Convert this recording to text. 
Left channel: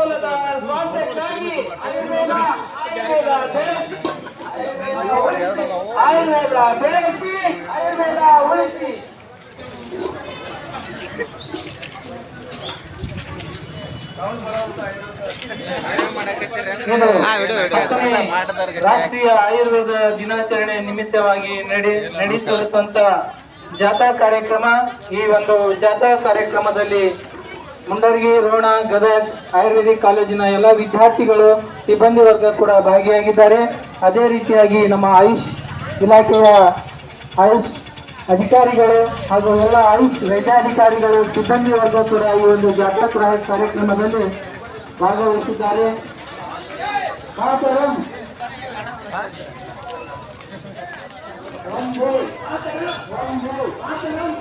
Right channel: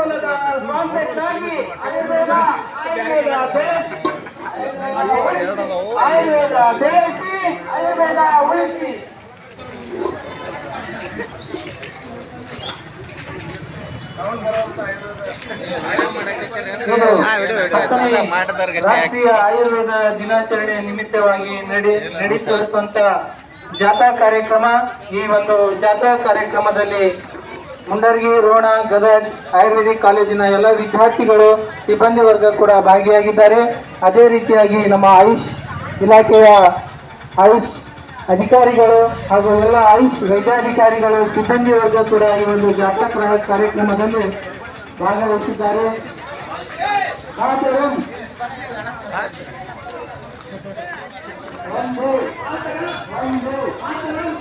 ಅನುಕೂಲದ ಸ್ವಾತಂತ್ರ್ಯಕ್ಕಾಗಿ ಆಯುರ್ವೇದ ಆಯುರ್ವೇದ ಬೆಳೆಸಿ ಆಯುರ್ವೇದ ಬೆಳೆಸಿ ಆಯುರ್ವೇದ ಉಳಿಸಿ. ರಾಷ್ಟ್ರೀಯ ಆಯುರ್ವೇದ ದಿನಾಚರಣೆ ನಿಮಿತ್ತವಾಗಿ ನಡೆ ನಡೆಸುವಂತ ಜಾಥಾ ಕಾರ್ಯಕ್ರಮ ಈ ಒಂದು ಜಾಥಾ ಕಾರ್ಯಕ್ರಮದಲ್ಲಿ ಮುಂಡರ್ಗಿ, ರೋಣ, ಗದಗ, ಆಯುರ್ವೇದಿಕ್ ಕಾಲೇಜಿನ ಎಲ್ಲ ವಿದ್ಯಾರ್ಥಿಗಳು, ಸಿಬ್ಬಂದಿ ವರ್ಗ ಕೂಡ ಭಾಗಿಯಾಗಿದ್ದಾರೆ. ಅದೇ ರೀತಿಯಾಗಿ ನಮ್ಮ ಆಯುಷ್ ಇಲಾಖೆಯ ಆಯುಷ್ ಅಧಿಕಾರಿಗಳು ಹಾಗೂ ಎಲ್ಲ ಆಯುಷ್ ವೈದ್ಯಾಧಿಕಾರಿಗಳು, ಸಿಬ್ಬಂದಿ ವರ್ಗ ಕೂಡ ಈ ಒಂದು ಜಾಗೃತ ಕಾರ್ಯ- ಕಾರ್ಯಕ್ರಮದಲ್ಲಿ ಭಾಗವಹಿಸಿದ್ದಾರೆ. ಒಂದು ಒಂದು